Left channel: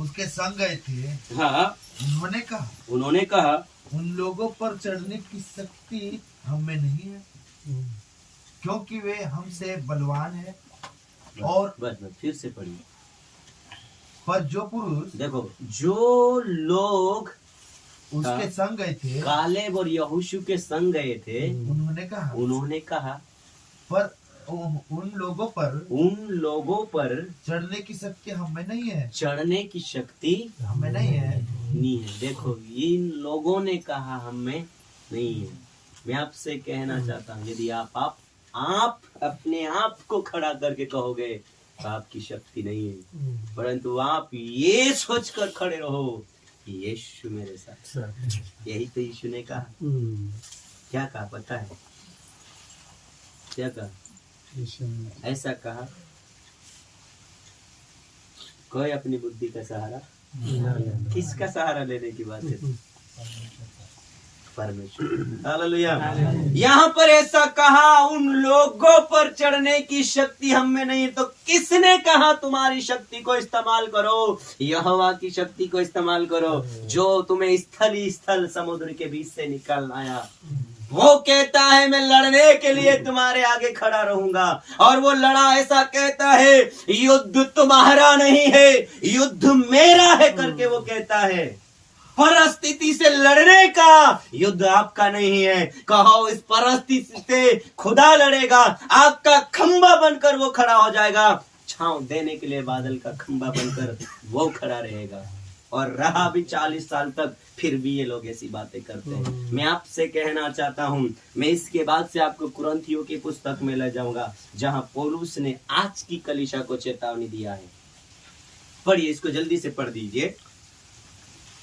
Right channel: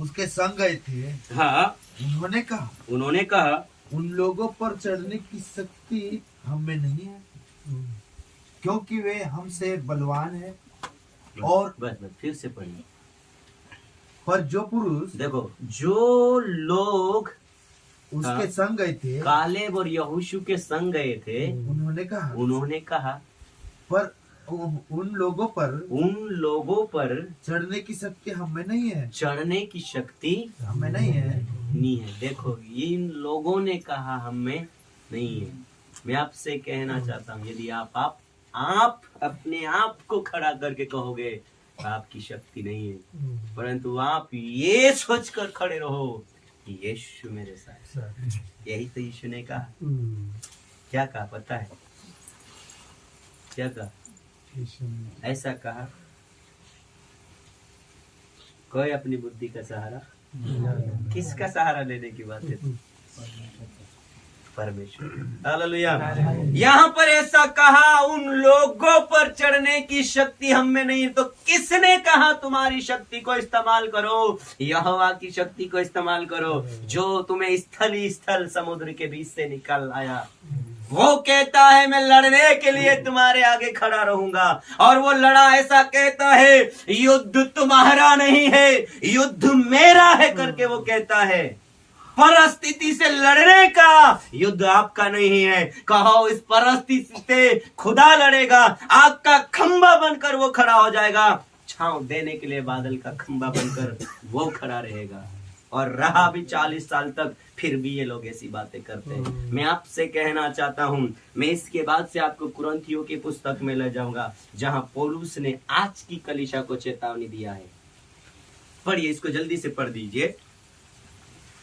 उसके संग गए थे। हाँ, उन्होंने कहा उन लोगों पर चढ़ने की शक्ति हम में नहीं है, क्योंकि वे हमसे बलवान है। और बस फिर से पढ़िए। पर जो पुरुष, देखो, जो लोग उसके संग गए थे, कालेब और यहोशू के संग गए थे, उन्होंने कहा पर उन लोगों पर चढ़ने की शक्ति हमें नहीं है, चढ़ने की शक्ति हमें नहीं है। देखो, इन लोगों ने कहा हमें नहीं है। मैं आपसे कहना चाहता हूँ, यदि आप अपने आप को खड़ा करके कहोगे तो आपकी शक्ति नहीं है, परंतु आप ये सोचकर खड़े रहो कि यीशु मेरे साथ। यही तो यीशु ने कहा। क्या कहा पता है? क्या कहा? ऐसा कहा, कोई अपनी बुद्धि का सहारा, किसका सहारा लेने की बात है? परमेश्वर। हालेलुया। यहाँ पर ऐसा कहा, उन लोगों पर चढ़ने की शक्ति हम में नहीं है। तो किसने कहा तुम्हारी शक्ति को इस्तेमाल करो? यहोवा की शक्ति को इस्तेमाल करो, जो तुम्हें स्थल ही स्थल समुद्र के बीच से निकाल आया। वो कहता है मैं लड़ने के लिए तुम्हारे आगे खड़ा रहूंगा, और वो लड़ा ऐसा कहता है, युद्ध तुम्हारा नहीं है, युद्ध मेरा है करके वो कहता है। परिस्थिति से लड़ने का युद्ध आपका नहीं है। कहो इस परिस्थिति से खुदा लड़ेगा। आग का खंबा बनकर वो खड़ा हो जाएगा, छांव देने के लिए बादल का खंबा बनकर वो खड़ा रहेगा। और रहा भी 40 साल तक, फिर भी ये लोग ऐसी बातें करते हैं। मैं आपसे कहना चाहता हूं, मैं इसके बाद से आपको कुरिन्थियों की पुस्तक में ले जाऊंगा, जहां पौलुस ने आज की कलीसिया को चेतावनी दिया है। पढ़िए, इसको जल्दी से पढ़ दीजिए।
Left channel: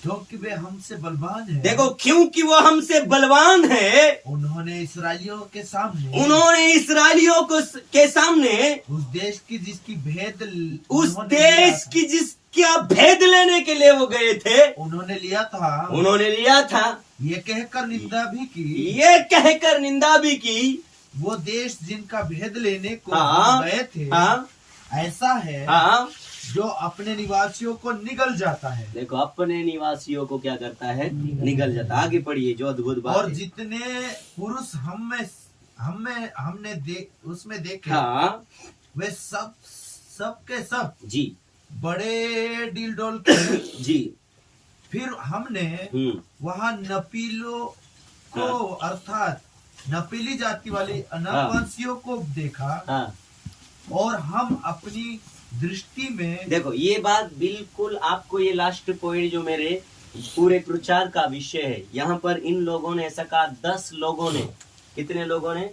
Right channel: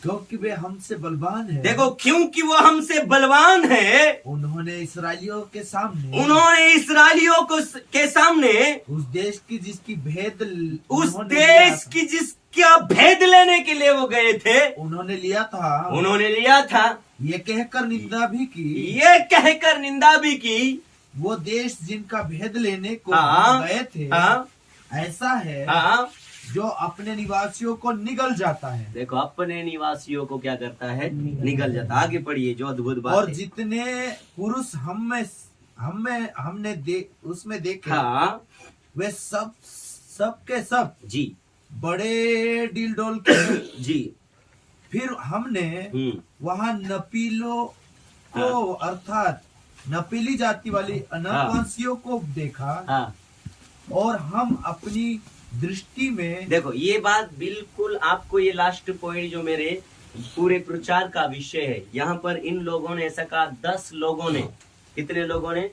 क्योंकि वे हमसे बलवान है। देखो, क्योंकि वो हमसे बलवान है। उन्होंने इसराइलियों के सामने के सामने उस देश की जिसका भेद लेने के लिए वो गए थे, उन्होंने लिया था। ये कहकर निंदा भी की, वो देश जिनका भेद लेने को गए थे, ऐसा है जो अपने निवासियों को निगल जाता है। देखो, अपने निवासियों को क्या करता है? निगल जाता। आगे पढ़िए, जो अद्भुत बात और जितने पुरुष हमने उसमें देखे, वे सब के सब जी बड़े डील के जी। फिर हमने वहाँ नपीलों को अर्थात नपीली जाति वाली अनावासियों को देखा, और हम अपनी दृष्टि में, देखो ये बात बिल्कुल आपको, ये लास्ट पॉइंट जो मेरे पूरे प्रचार का विषय है, यहाँ पर इन लोगों ने ऐसा कहा, 10 लोगों ने, कितने लोगों ने?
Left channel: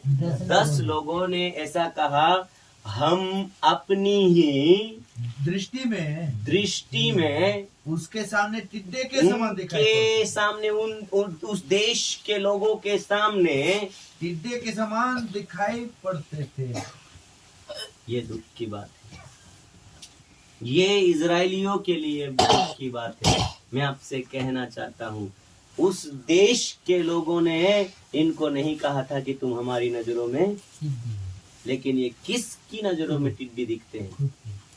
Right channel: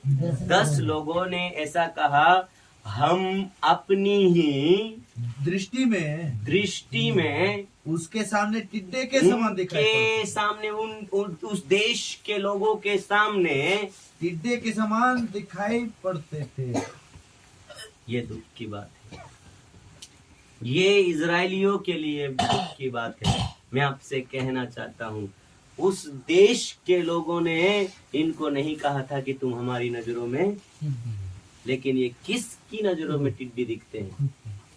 10 लोगों ने ऐसा कहा, हम अपनी ही दृष्टि में उसके सामने टिड्डे के समान दिखाई, सामने उस देश के लोगों के सामने टिड्डे के समान दिखाई पड़ते थे। ये दुख की बात है, ये इजरायलियों के लिए दुख की बात है। मैं आपसे कहना चाहता हूँ, उस देश के लोगों ने इनको नहीं कहा था कि तुम हमारी नजरों में, लेकिन ये किसकी नजरों में टिड्डी दिखते हैं?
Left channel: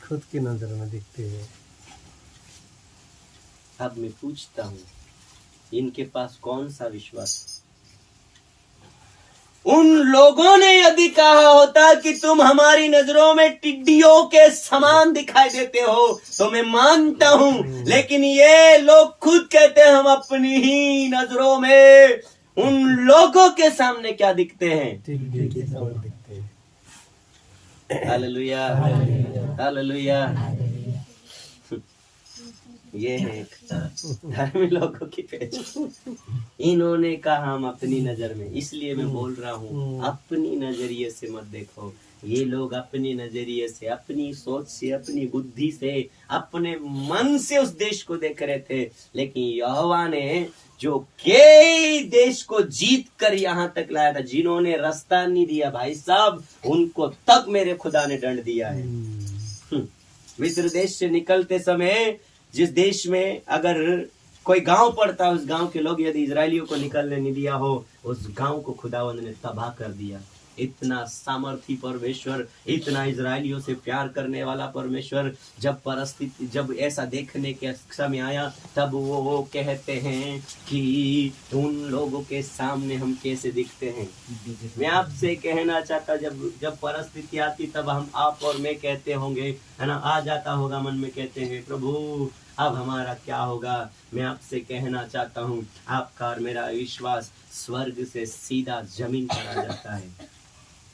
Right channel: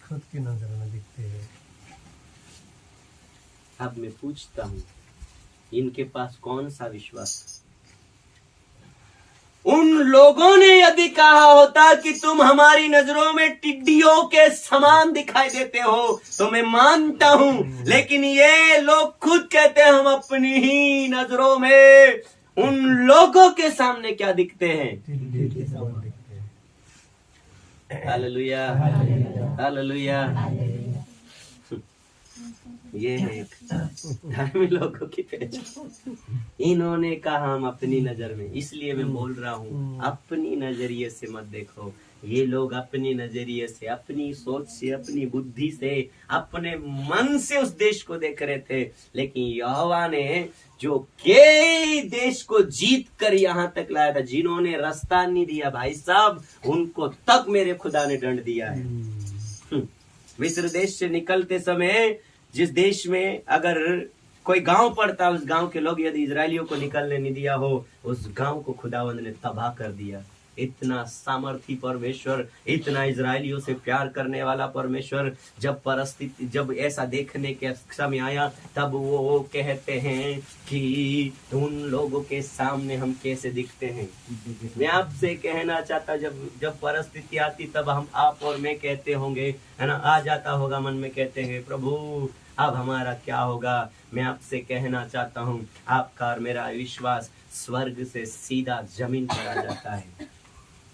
खुद की नजर में दिखते हैं। अब मैं पूछता हूँ, इनके पास कौन सा विश्वास? उन लोगों ने यदि कहा होता कि तुम हमारी नजरों में टिड्डियों के समान दिखाई देते हो, तो मैं मानता हूं, लेकिन ये लोग खुद कहते हैं हम अपनी ही नजरों में उन लोगों के सामने क्या दिखते हैं? टिड्डी के समान दिखते हैं। Hallelujah, hallelujah. ये है एक धर्मी लोगों की पहचान। इन्होंने कहा हम अपनी नजर में, इसलिए मैं बोल रहा हूँ, अपनी नजरिए से मत देखो। ये लोग अपनी नजरिए से, अपनी सोच से, अपनी बुद्धि से, अपने मन से उस देश को देख रहे थे, लेकिन यहोवा ने जो कई देश को जीत कर यहाँ तक लाया था, जिन्होंने रास्ता नहीं दिया भाई साहब, उनको तक मेरे खुदा ने दंड दिया है। मिस्र देश से निकलते समय जिस देश में अगर कोई गांव पड़ता, उस गांव के लोग यदि इजरायलियों को निकलने नहीं दिया हो, उस गांव को खुदावंद ने तबाह कर दिया। इतना सामर्थी परमेश्वर, इतना इजराइलियों से प्यार करने वाला परमेश्वर, जब ऐसा देखने के समय आया तब वो कहते हैं कि उन लोगों के सामने हम कैसे दिखते हैं। मैं आपसे कहना चाहता, जब परिस्थिति आती तब हम आप और मैं कहते होंगे, है ना, आ जाता होगा मन में, कहते हैं प्रभु अब हमारा क्या होगा। मैं आपसे कहना चाहता हूँ, आपका और मेरा विश्वास स्वर्ग से सीधा जमीन पर आ जाता है।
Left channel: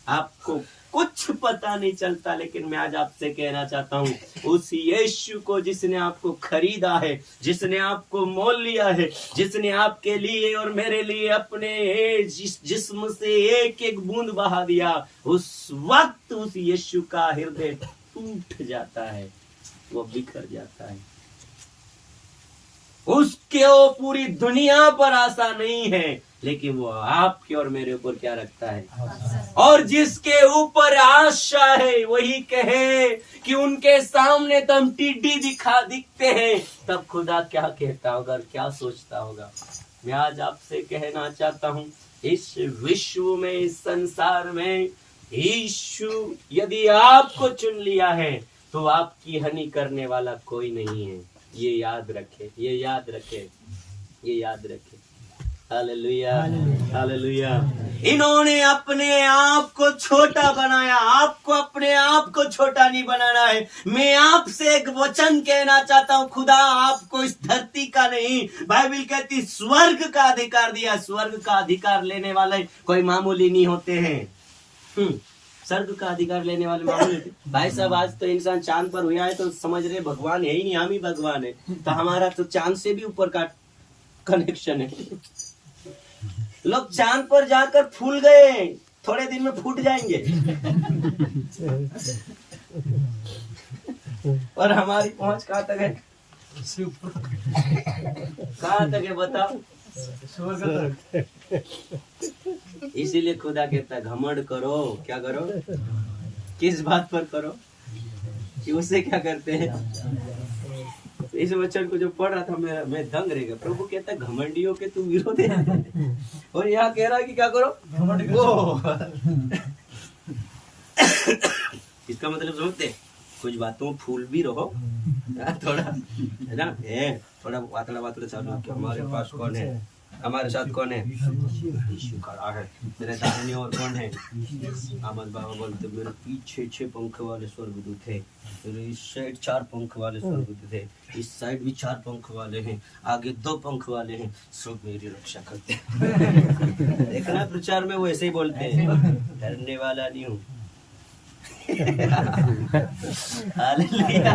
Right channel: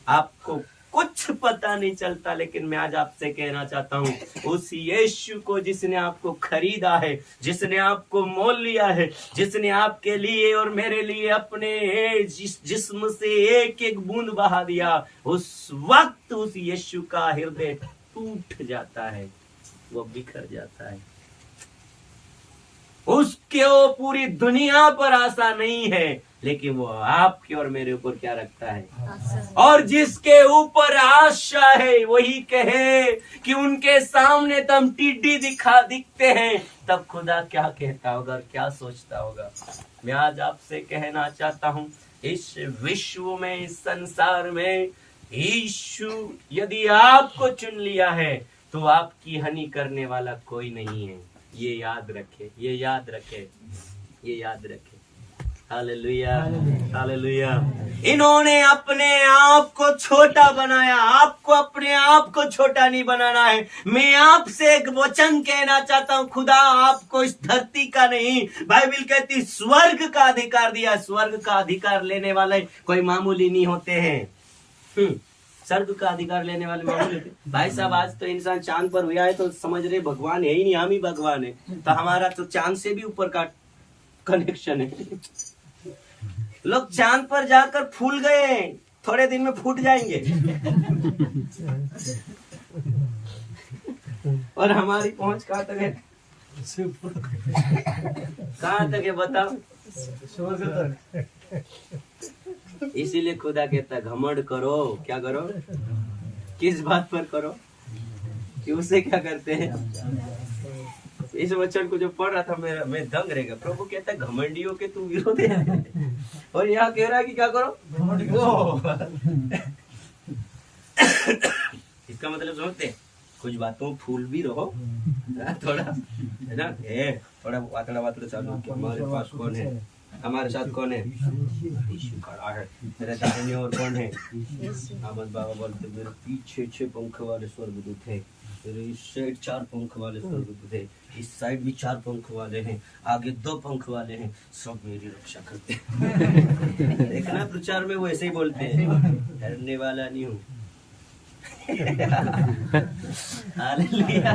आपको कुछ पता नहीं चलता, लेकिन मैं आज आपसे कहना चाहता हूँ, उस यीशु को जिसने आपको खरीदा है, जिसने आपको मोल लिया है, जिसने आपके लिए और मेरे लिए अपने जिस्म से एक एक बूंद बहा दिया, उस वक्त उस यीशु का हृदय टूट जाता है, वो बिखर जाता है। उसके वो पूरी दुनिया पर आशा नहीं है, लेकिन वो आपके और मेरे ऊपर क्या रखता है। और जिसके ऊपर आशा है वही कहे कि उनके सामने तो हम टिड्डी दिखते हैं, तब खुदा क्या कहता होगा और क्या सोचता होगा। मैं आज आपसे कहना चाहता हूँ, इस विश्व में, इस संसार में यीशु यदि आपको चुन लिया है तो आपकी हानि करने वाला कोई नहीं है। ये याद रखे, ये याद रखे, ये याद रखे। Hallelujah, hallelujah. इन्होंने अपने आप को छोटा बनाया, आपको अपने आप को छोटा नहीं बनाना है। मैं आपसे एक वचन कहना चाहता हूँ, खुदा आपको इस धरती का नहीं, बाइबल कहती स्वर्ग का अधिकार दिया। स्वर्ग का अधिकार लेने वाले कोई मामूली नहीं होते हैं। स्वर्ग का अधिकार लेने वाले मामूली होते। भाई साहब, आज तो इंसान चांद पर हुआ है तो समझ रहे भगवान है ही नहीं, हम ही भगवान है। तो हमारा तो चांद से भी ऊपर का कनेक्शन है। लोग चांद पर जाकर फूल गए, थोड़े दिन में फूट जाएंगे। और हमारी पहुंच कहाँ तक है? कहाँ तक है बताओ? इसीलिए खुदा कहता है घमंड करो। क्या करो? किस बात पर करो? कि उससे क्या करते हैं? इस वचन को जो पढ़ रहा था मैं दंग रह गया। प्रभु कहता है घमंडियों के तुम विरोध है, और यहाँ कह रहा है कि क्या करो? इसका मतलब समझते, कुछ बातों फूल भी रहो, थोड़ा है ना, थोड़ा वातड़ा चालू। हमारे पास कौन है? हमारे साथ कौन है? यीशु खड़ा है। मेरे दाहिने और कौन है? आमद बाबा बोलते मेरे पीछे 6 पंख वाले स्वर्गदूत है, मेरे इस साइड 4 पंख वाले स्वर्गदूत है, इस साइड भी 4 पंख वाले हैं, आगे 2 पंख वाले हैं, सब मेरी रक्षा करते हैं। देखना प्रचार में वो ऐसे ही बोलते हैं, डरने वाला नहीं हूँ। हालेलुया।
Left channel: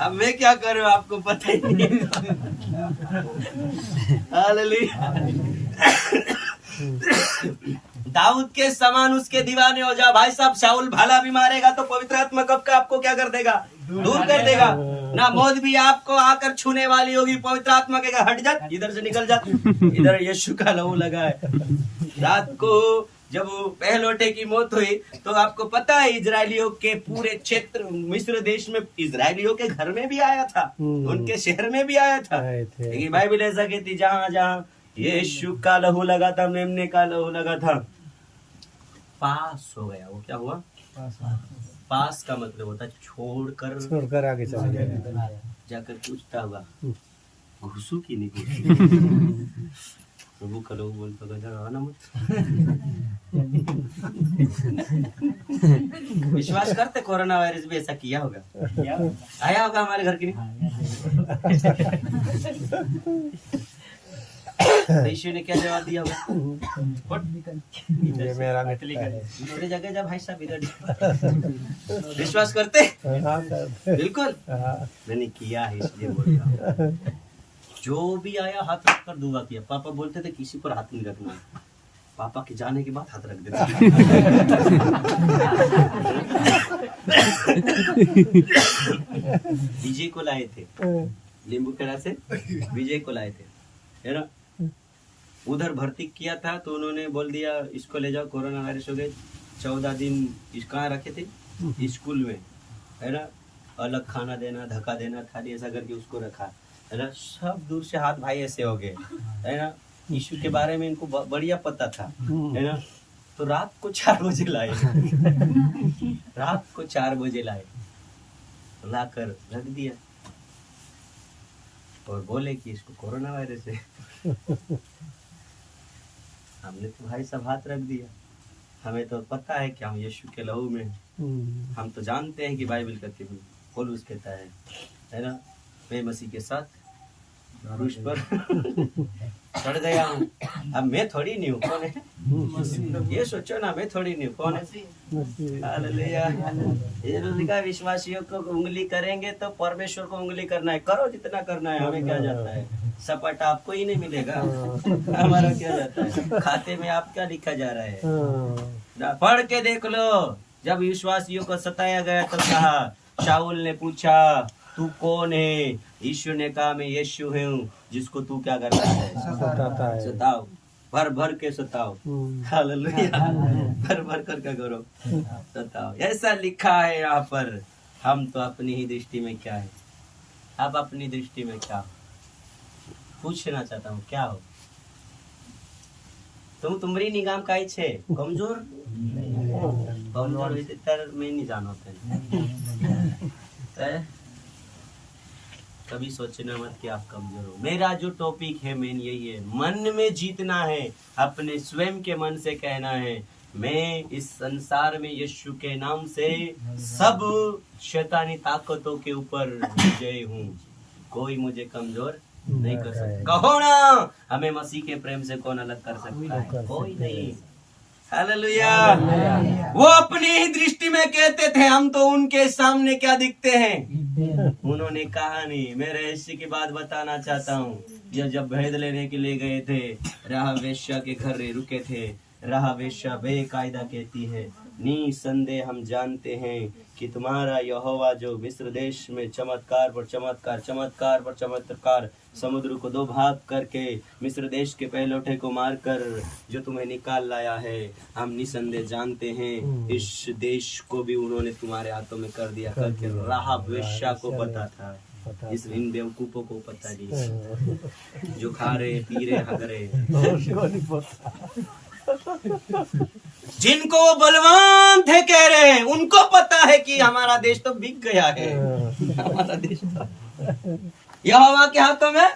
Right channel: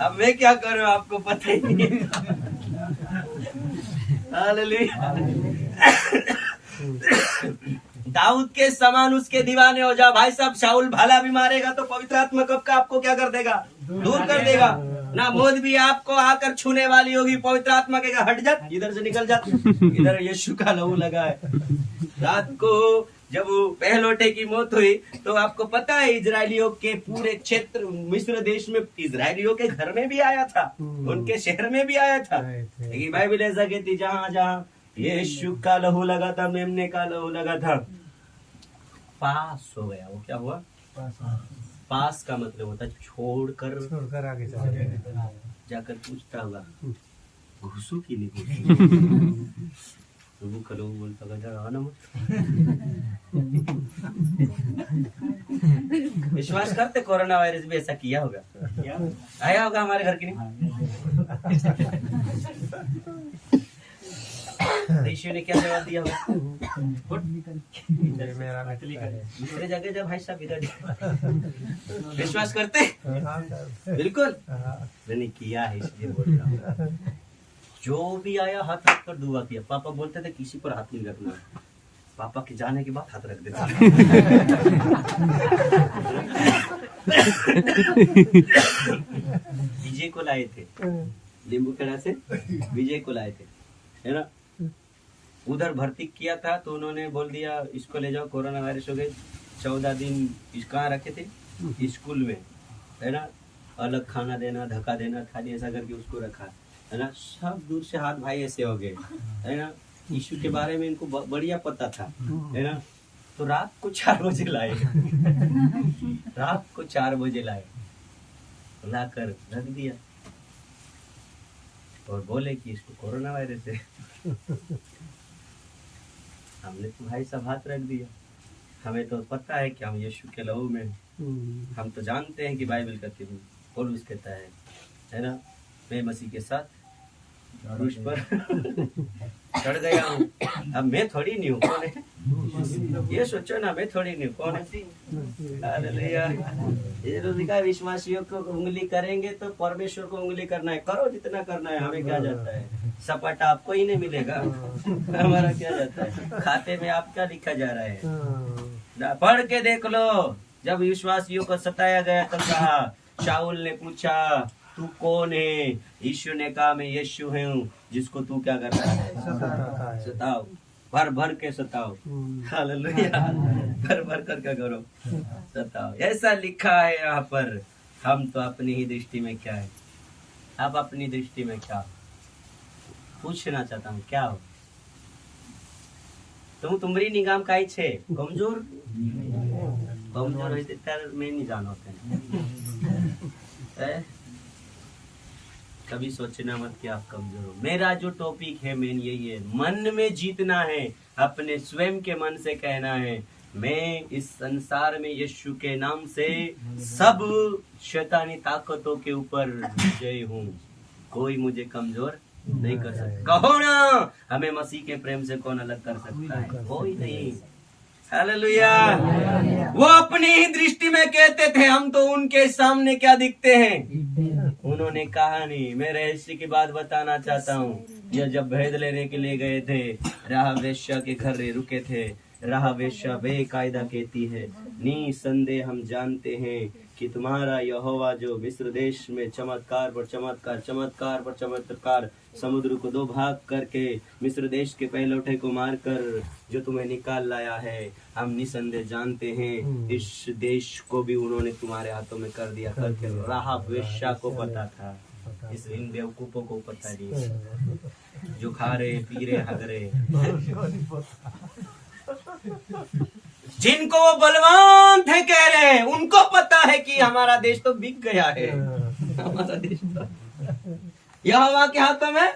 अब मैं क्या करूं आपको पता ही नहीं। हालेलुया। दाऊद के समान उसके दीवाने हो जाओ। भाई साहब, शाऊल भाला भी मारेगा तो पवित्र आत्मा कब का आपको क्या कर देगा? दूर कर देगा ना। मौत भी आपको आकर छूने वाली होगी, पवित्र आत्मा कहेगा हट जा, इधर से निकल जा, इधर यीशु का लहू लगा है। रात को जब पहलोटे की मौत हुई तो आपको पता है इजरायलियों के पूरे क्षेत्र मिस्र देश में इजरायलियों के घर में भी आया था, उनके शहर में भी आया था। लेकिन बाइबल ऐसा कहती जहाँ जहाँ यीशु का लहू लगा था, मेमने का लहू लगा था, पास हो गया। वो क्या हुआ? पास का मतलब होता है छोड़कर आगे चला गया। जाकर पूछता होगा घुसू की नहीं घुसू? प्रभु का लोग बोलता था ना मत। विश्वास करते कोरोना वायरस भी ऐसा किया होगा, आया होगा हमारे घर की नहीं। यीशु ने क्या जवाब दिया होगा? दूसरे जगह जब भाई साहब इधर विश्वास करते बिल्कुल मैंने किया है, इसलिए बोल रहा हूँ। जो भी आया हाथ रख कर दुआ किया। पापा बोलते थे किसी पर हाथ नहीं रखना, पापा के जाने के बाद हाथ रख देता। विजय को लाए थे, लींबू खेड़ा से विजय को लाए थे, है ना। उधर भर्ती किया था तो उन्होंने बोल दिया इसको ले जाओ, कोरोना वायरस हो गई। 14 दिन कहाँ रखे थे? स्कूल में, है ना। अलग खाना देना, धक्का देना, थाली ऐसा करके उसको रखा, है ना। सब दूर से हाथ भाई ऐसे हो गए, है ना। यीशु के बारे में इनको बढ़िया पता था, है ना। तो रात को 4 बजे लाए। रात को 4 बजे लाए, लाकर रख दिया और बोले कि इसको कोरोना वायरस है। हमने तो भाई साहब हाथ रख दिया, हमें तो पता है कि हम यीशु के लहू में, हम तो जानते हैं कि बाइबल कहती है, पौलुस कहता है ना, मैं मसीह के साथ क्रूस पर चढ़ गया हूँ। अब मैं थोड़ी नहीं हूँ, कौन है? ये सोचो ना, मैं थोड़ी नहीं हूँ, कौन है? हालेलुया। ये तो लिखा है, विश्वासियों को उंगली करेंगे तो परमेश्वर को उंगली करना है, करो जितना करना है, हमें क्या जाता है, सपाटा आपको ही नहीं मिलेगा, हमारा क्या जाता है, खाते में आप क्या लिखा जा रहा है, पढ़ के देख लो। जब विश्वासियों को सताया गया तब कहा, शाऊल ने पूछा तू कौन है? यीशु ने कहा मैं यीशु हूँ जिसको तू क्या करता है, सताओ, भर भर के सताओ। हालेलुया। भर भर कर क्या करो, सताओ। ऐसा लिखा है यहाँ पर। हम तो अपनी ही दृष्टि में क्या है, आप अपनी दृष्टि में क्या हो? पूछना चाहता हूँ, क्या हो तुम्हारी निगाम काई छे? कमजोर कमजोर होते तर मैं नहीं जानो कभी सोचना मत कि आप कमजोर हो। मेरा जो टॉपिक है मेन यही है, मन में जीतना है, अपने स्वयं के मन से कहना है मैं इस संसार में यीशु के नाम से सब शैतानी ताकतों के ऊपर विजय हूँ, कोई मुझे कमजोर नहीं कर सकता। कहो ना, हमें मसीह के प्रेम से कौन अलग कर सकता है? कोई नहीं। हालेलुया। वो अपनी ही दृष्टि में कहते थे, हम तो उनके सामने क्या दिखते हैं। उन्होंने कहा नहीं। मैं रहस्य की बात बताना चाहता हूँ। यह जब भेद लेने के लिए गए थे, राह वेश्या के घर रुके थे। राह वेश्या बेकायदा कहती है, निसंदेह हम जानते हैं कि तुम्हारा यहोवा जो मिस्र देश में चमत्कार पर चमत्कार, चमत्कार पर चमत्कार, समुद्र को 2 भाग करके मिस्र देश के पहलौठे को मारकर जो तुम्हें निकाल लाया है, हम निसंदेह जानते हैं इस देश को भी उन्होंने तुम्हारे हाथों में कर दिया करके राह वेश्या को पता था। इस इन बेवकूफों को पता नहीं, जो खा रहे पी रहे हग रहे, जिनको वो बलवान थे कह रहे हैं, उनको पता है कि हमारा देश तो बिक गया है, हमारा देश तो यहोवा के हाथों में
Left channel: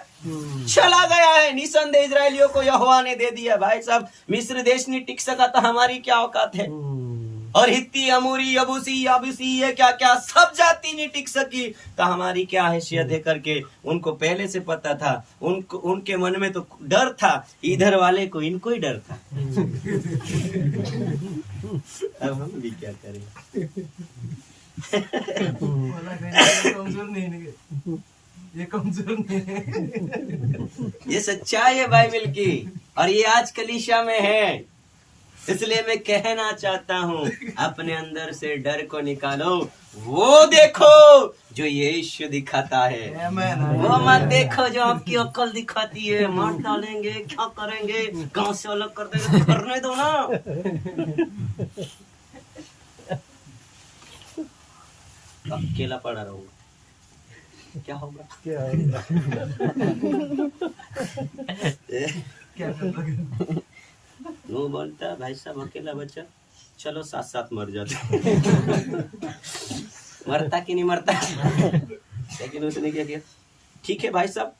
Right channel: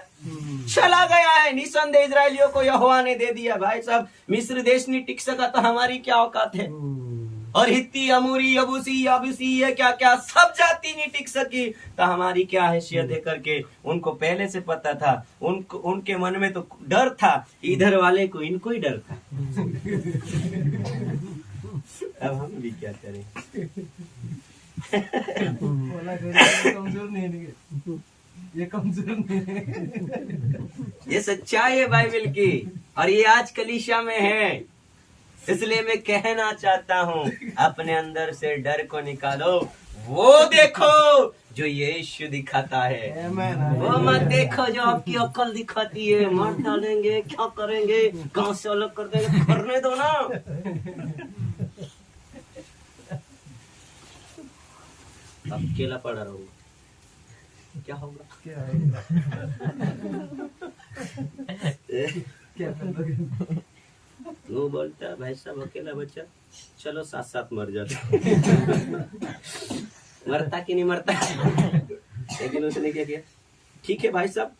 चला गया है। निसंदेह इजरायलियों को यहोवा ने दे दिया। भाई साहब, मिस्र देश नहीं टिक सका तो हमारी क्या औकात है? और हित्ती, अमूरी, यबूसी, याबूसी, ये क्या क्या सब जाति नहीं टिक सकी तो हमारी क्या हैसियत है करके उनको पहले से पता था। उनके मन में तो डर था, इधर वाले को इनको ही डर था। अब हम भी क्या करें? कमजोर नहीं। ये सच्चाई है बाइबल की, और ये आज कलीसिया में है। इसलिए मैं कहना चाहता हूँ, अपने अंदर से डर को निकालो। वो देखो जो यीशु दिखाता है, वो मत देखो जो आपकी अक्ल दिखाती है। मार डालेंगे, क्या करेंगे, गांव से अलग कर देंगे, करने दो ना। अकेला पड़ा रहूंगा, क्या होगा? वो बोलता भाई साहब अकेला बच्चा, चलो साथ साथ मर जाते। मरता कि नहीं मरता, लेकिन उसने क्या किया, ठीक है भाई साहब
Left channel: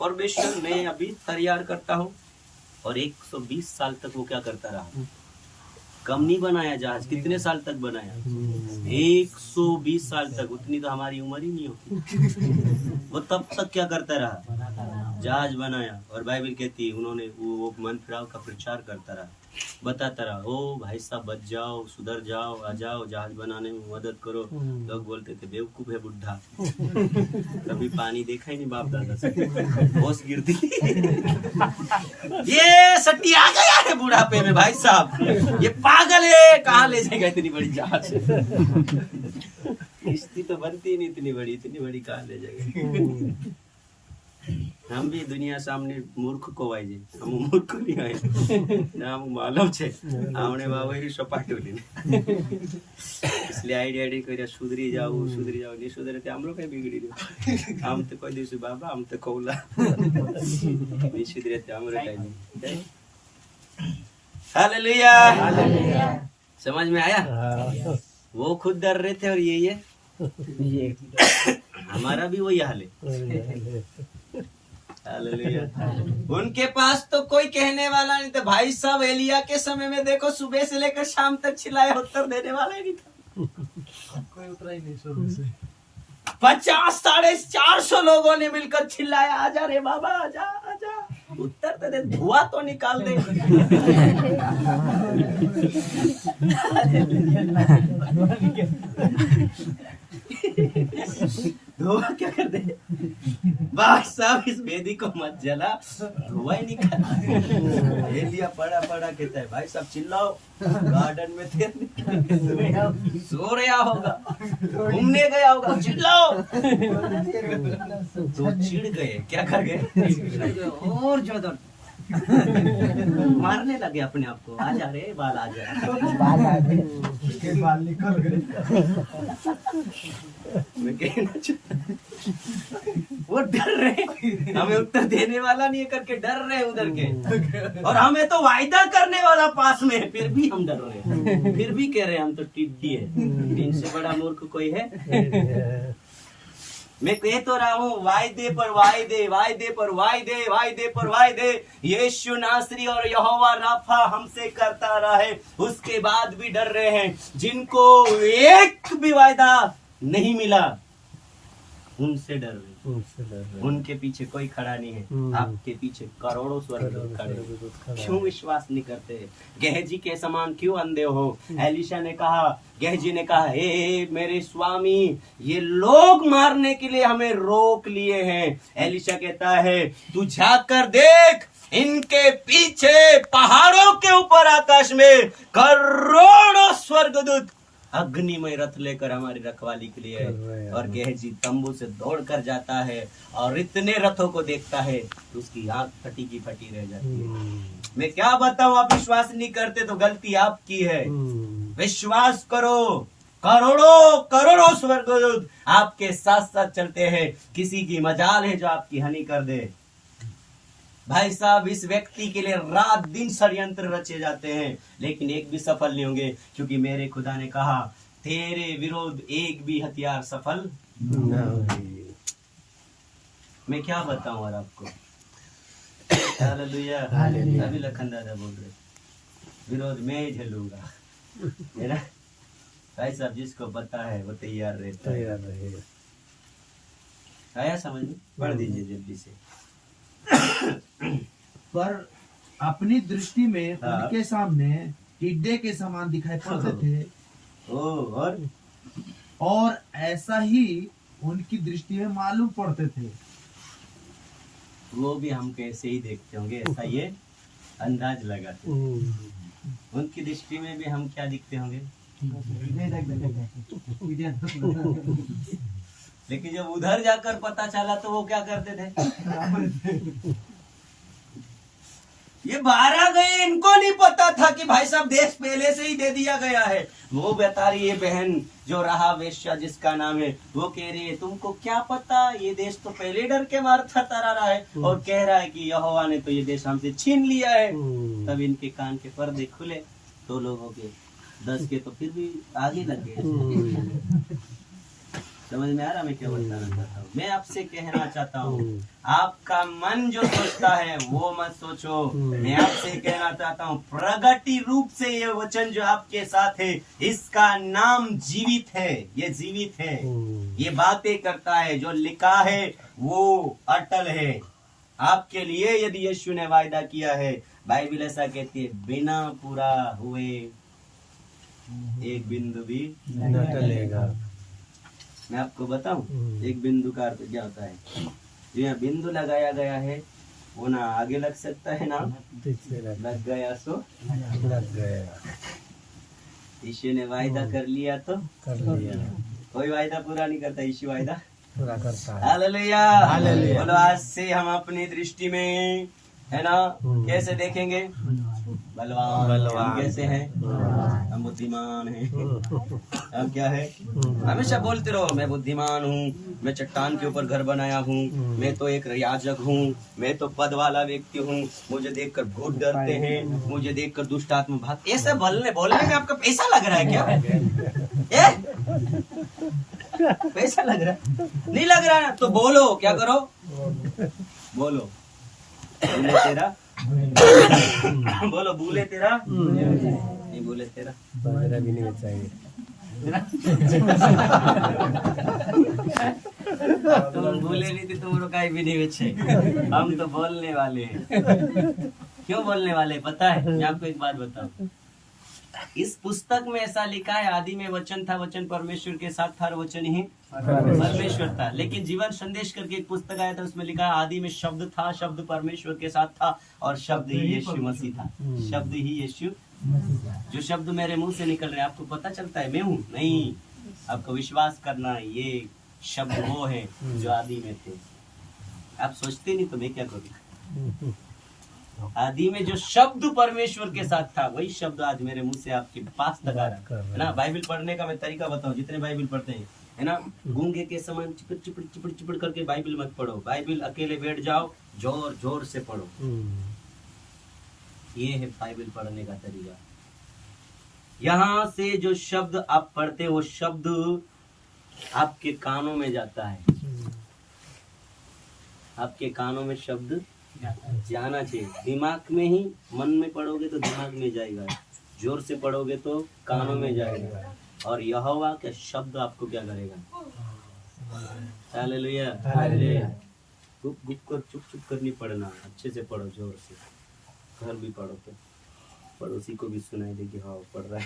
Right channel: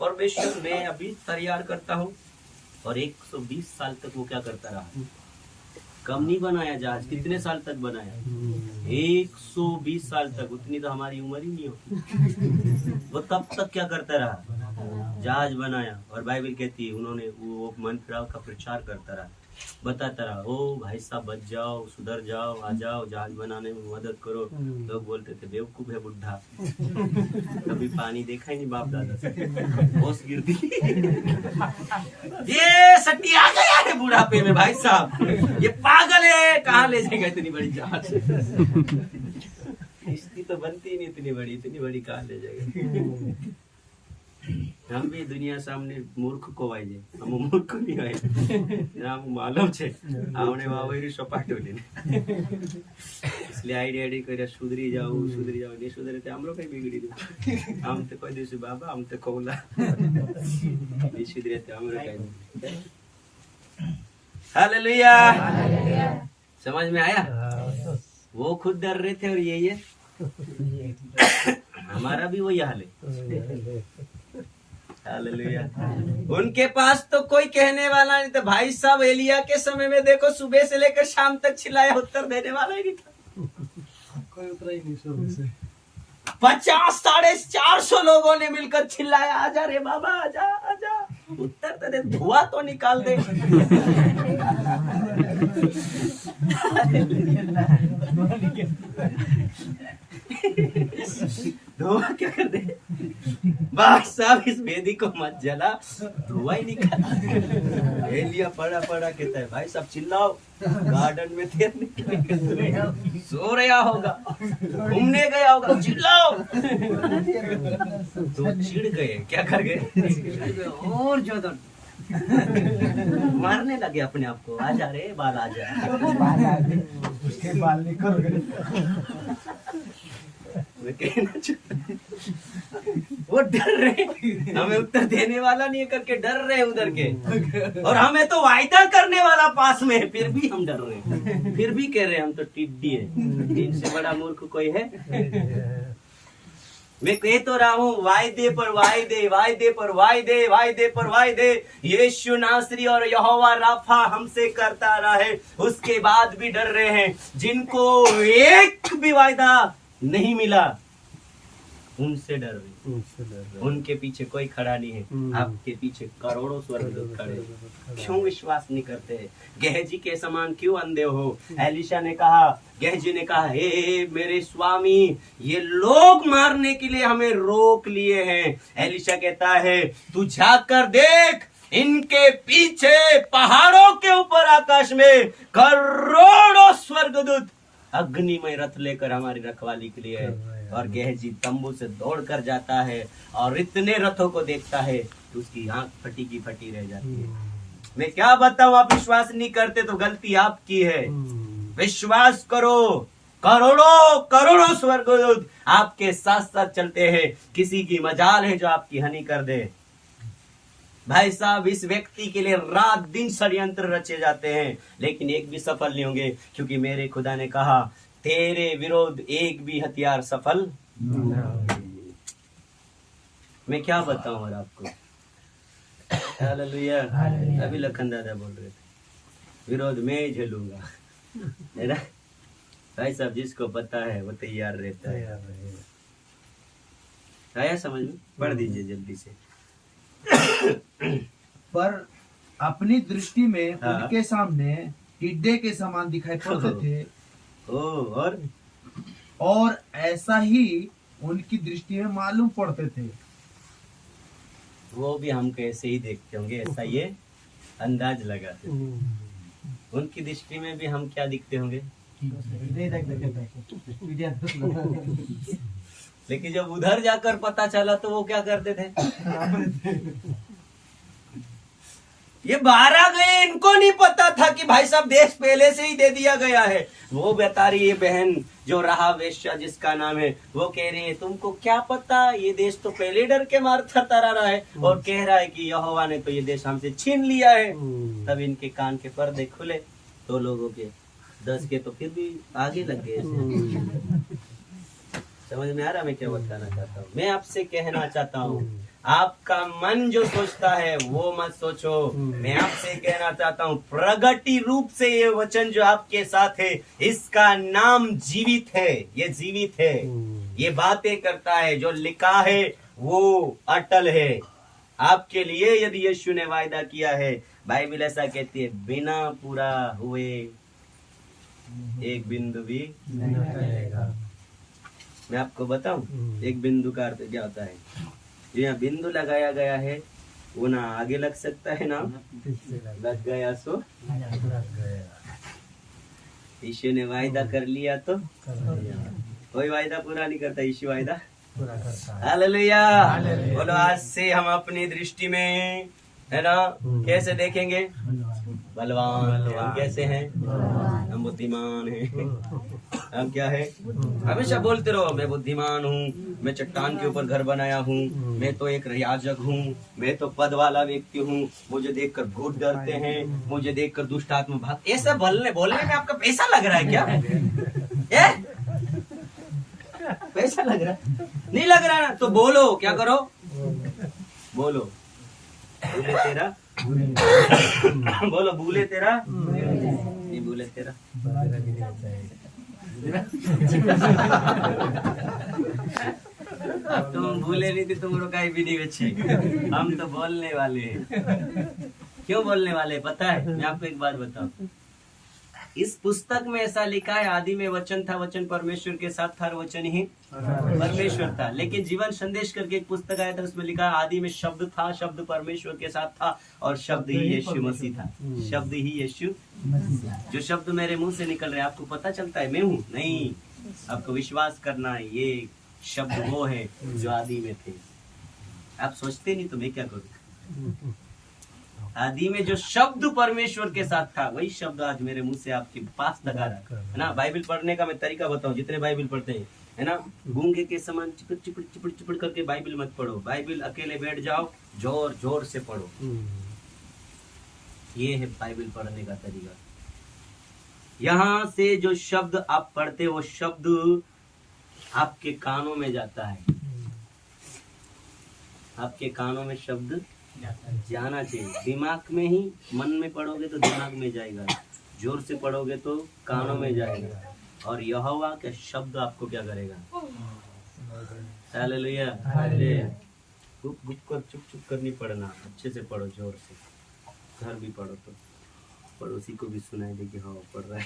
परमेश्वर मैं अभी तैयार करता हूँ। और 120 साल तक वो क्या करता रहा, कम नहीं बनाया जहाज। कितने साल तक बनाया? 120 साल तक। उतनी तो हमारी उम्र ही नहीं होती। वो तब तक क्या करता रहा, जहाज बनाया। और बाइबल कहती है उन्होंने वो मन फिराव का प्रचार करता रहा, बताता रहा, ओ भाई साहब बच जाओ, सुधर जाओ, आ जाओ, जहाज बनाने में मदद करो। लोग बोलते थे बेवकूफ है बुढ़ा, कभी पानी देखा ही नहीं बाप दादा से, होश गिरती। ये सट्टी आ गया है बुढ़ापे में भाई साहब, ये पागल है, कहाँ ले जाएगा इतनी बड़ी जहाज? किश्ती तो बनती ही नहीं इतनी बड़ी कहाँ ले जाएगा? हम भी दुनिया सामने मूर्ख को वाइजे, हम मूर्ख नहीं आए ना, मालूम छे आवणे वावेरी सपाटोली। इसलिए आईडी કર્યા સુધરી જાવ નહીં સુધરે તે આમ લોકો बिगड़ी રહ્યું। આમ તો કોઈ દિવસ બાબા આમ તો કૌલા નહીં સુધરે તે આમ રકાઈ નહીં। हालेलुया। समझ में आया? वो खुद डर रहे थे और ये हमारा भी वही हाल है। हालेलुया। उनके पास तो कोई कहने वाला नहीं था। भाई साहब एलिया के समय में देखो सुबह से लेकर शाम तक चिल्लाया, उत्तर देने वाला ही नहीं था। कोई उतरा ही नहीं सोने से। 50 450 लोगों ने मिलकर चिल्लाया, आजा रे बाबा आजा आजा, उत्तर तो दे, धुआं तो निकाल दे। धुआं क्या कर दे? भाई साहब इस वेदी को मत जला, धुआं ही निकाल। एलिया पड़ा कहता है भाई साहब चिल्लाओ, गार्डन में थे, सो रहा होगा, घूमने गया होगा, चिल्लाओ। तो चिढ़ गए, क्या कर गए? और ज्यादा मारने लगे अपने आप को, आजा रे बाल आजा। उसके बाल निकल गए। वो डर रहे, हमें उत्तर देने वाला नहीं है करके डर रहे उधर के, और हमें तो वायदा करने वाला पास में है, फिर भी हम डर रहे, फिर भी कह रहे हम तो टिड्डी है। इनसे बड़ा मूर्ख कोई है? मैं कह तो रहा हूँ, वायदे पर वायदे, वायदे पर वायदे, वायदे पर वायदे यीशु नासरी और यहोवा राफा हमसे करता रहा है, उसके बाद भी डर रहे हैं। जिनको एक भी वायदा नहीं मिला उनसे डर रहे, उनके पीछे कोई खड़ा नहीं है। आपके पीछे करोड़ों स्वर्गदूत खड़े, क्यों विश्वास नहीं करते? गेहजी के समान क्यों अंधे हो? एलिशा ने कहा, गेहजी ने कहा, हे मेरे स्वामी, ये लोग मारने के लिए हमें रोक लिए हैं। एलिशा कहता है, तू जाकर देख, इनके पीछे पहाड़ों के ऊपर आकाश में करोड़ों स्वर्गदूत अग्निमय रथ लेकर हमारी रखवाली के लिए है। और गेहजी तंबू से दौड़कर जाता है और इतने रथों को देखता है कि उसकी आंख फटी की फटी रह जाती है। मैं क्या बताऊं, आप विश्वास नहीं करते तो गलती आपकी है। विश्वास करो, करोड़ों करोड़ों स्वर्गदूत आपके साथ साथ चलते हैं। किसी की मजाल है जो आपकी हानि कर दे। भाई साहब इस व्यक्ति के लिए रात दिन षड्यंत्र रचे जाते हैं, लेकिन एक भी सफल नहीं होंगे, क्योंकि मेरे खुदा ने कहा, तेरे विरोध एक भी हथियार सफल न होगी। मैं क्या बताऊं और आपको? हालेलुया। अभी लखन दादा बोल रहे थे, विरोध मैं झेलूंगा। है ना भाई साहब? जिसको पता है वो तैयार रहता है। आया समझ में? पढ़ दीजिए जल्दी से। पर अपनी दृष्टि में उनके सामने टिड्डे के समान दिखाई पड़ते थे, और ऐसा ही उनकी दृष्टि में मालूम पड़ते थे। वो भी हमको ऐसे ही देखते होंगे, ऐसा ये अंदाज लगाते। उनकी दृष्टि में भी हम क्या दिखते होंगे? लेकिन जब उधर जाकर पता चला तो वो क्या करते थे? ये 12 गए, इनको नहीं पता था कि भाई साहब देश पहले से ही दे दिया गया है। वो बता रही है बहन जो रहा वेश्या जिसका नाम है, वो कह रही है तुमको क्या पता, ये देश तो पहले डर के मार थरथरा रहा है, और कह रहा है कि यहोवा ने तो ये देश हमसे छीन लिया है। तब इनके कान के पर्दे खुले, 2 लोगों के, 10 के तो फिर भी आगे लग गए। समझ में आ रहा मैं क्या बताना चाहता हूँ? मैं आपसे कहना चाहता हूँ, आपका मन जो सोचता है वो मत सोचो। मैं आपसे कहना चाहता हूँ, प्रगति रूप से ये वचन जो आपके साथ है, इसका नाम जीवित है। ये जीवित है, ये बातें करता है, जो लिखा है वो अटल है आपके लिए। यदि यीशु ने वायदा किया है, बाइबल ऐसा कहती है, बिना पूरा हुए एक बिंदु भी न टलेगा। मैं आपको बताऊं, एक बिंदु का अर्थ क्या होता है? जो यहाँ बिंदु लगाया गया है वो ना आगे लग सकता है ना लग गया, सो लग गया। यीशु ने वायदा कर लिया तो कोई वायदा पूरा नहीं करता, यीशु वायदा पूरा करता है। हालेलुया। बोलो आज से हम अपनी दृष्टि में, है ना, कैसे देखेंगे? बलवान। हम कैसे हैं? हम बुद्धिमान हैं। हम क्या है? हमेशा बोलते रहो मैं बुद्धिमान हूँ, मैं चट्टान के ऊपर घर बनाया हूँ, मैं तो एक याजक हूँ, मैं तो पद वाला व्यक्ति हूँ, मुझे देखकर भूत डरते हैं, मुझे देखकर दुष्ट आत्मा भाग। ऐसे बोलने में आपका पैसा लग रहा है क्या? पैसा लग रहा है? नहीं लग रहा ना तो बोलो, क्या करो? बोलो भूले तेरा बोलो भूले तेरा नहीं भूले तेरा बाजरा भी नहीं बचाएंगे। अब तुम भूले नहीं थे, तुम काई भी नहीं बचे। हम तो बोलने वाले हैं। क्यों बोलने वाले पता है? मैं आपको एक बात बताऊं, इस पुस्तक में ऐसा लिखा है आदि में वचन था, वचन परमेश्वर के साथ था, वचन ही परमेश्वर था। लेकिन जीवन संदेश करके एक पुस्तक आया था, उसमें लिखा है आदि में शब्द था, शब्द परमेश्वर के साथ था और शब्द ही यीशु मसीह था। शब्द ही यीशु। जो शब्द मेरे मुंह से निकल रहे हैं आपको पता चलता है मैं हूँ? नहीं, आपको विश्वास करना है ये शब्द वो है जो आदि में थे। आप सोचते नहीं तो मैं क्या करूँ? आदि में जो शब्द परमेश्वर के साथ था वही शब्द आज मेरे मुंह से आपके पास लगा रहा है ना। बाइबल पढ़ने का मैं तरीका बताऊं, जितने बाइबल पढ़ते हैं है ना, गूंगे के समान चिपड़ चिपड़ चिपड़ चिपड़ करके बाइबल मत पढ़ो। बाइबल अकेले बैठ जाओ, जोर जोर से पढ़ो। ये है बाइबल पढ़ने का तरीका। यहाँ से जो शब्द आप पढ़ते हो वो शब्द आपके कानों में जाता है। आपके कानों में शब्द जाना चाहिए। दिमाग में ही, मन में पढ़ोगे तो दिमाग में जाएगा, जोर से पढ़ोगे तो कानों में जाएगा। और यहोवा का शब्द आपको क्या करेगा? हालेलुया। गुप गुप कर चुप चुप कर नहीं पढ़ना, अच्छे से पढ़ो, जोर से। घर भी पढ़ो तो पड़ोसी को भी सुनाई दे कि हाँ पढ़ रहा है।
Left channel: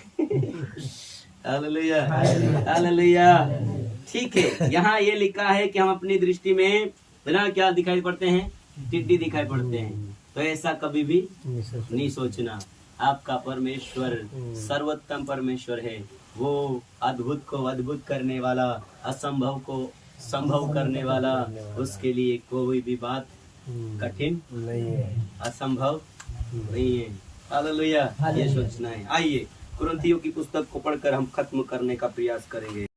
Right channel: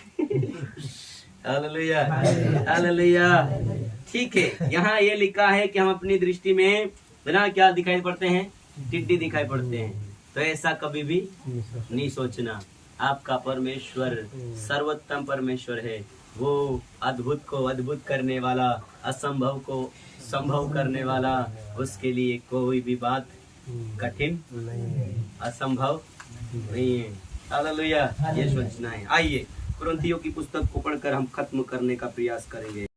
Hallelujah hallelujah. ठीक है, यहाँ ये लिखा है कि हम अपनी दृष्टि में बिना क्या दिखाई पड़ते हैं? टिड्डी दिखाई पड़ते हैं। तो ऐसा कभी भी नहीं सोचना। आपका परमेश्वर सर्वोत्तम परमेश्वर है। वो अद्भुत को अद्भुत करने वाला, असंभव को संभव करने वाला। उसके लिए कोई भी बात कठिन नहीं है, असंभव नहीं है। हालेलुया। ये सोचना है। आइए कुरिन्थियों की पुस्तक को पढ़कर हम खत्म करने का प्रयास करेंगे।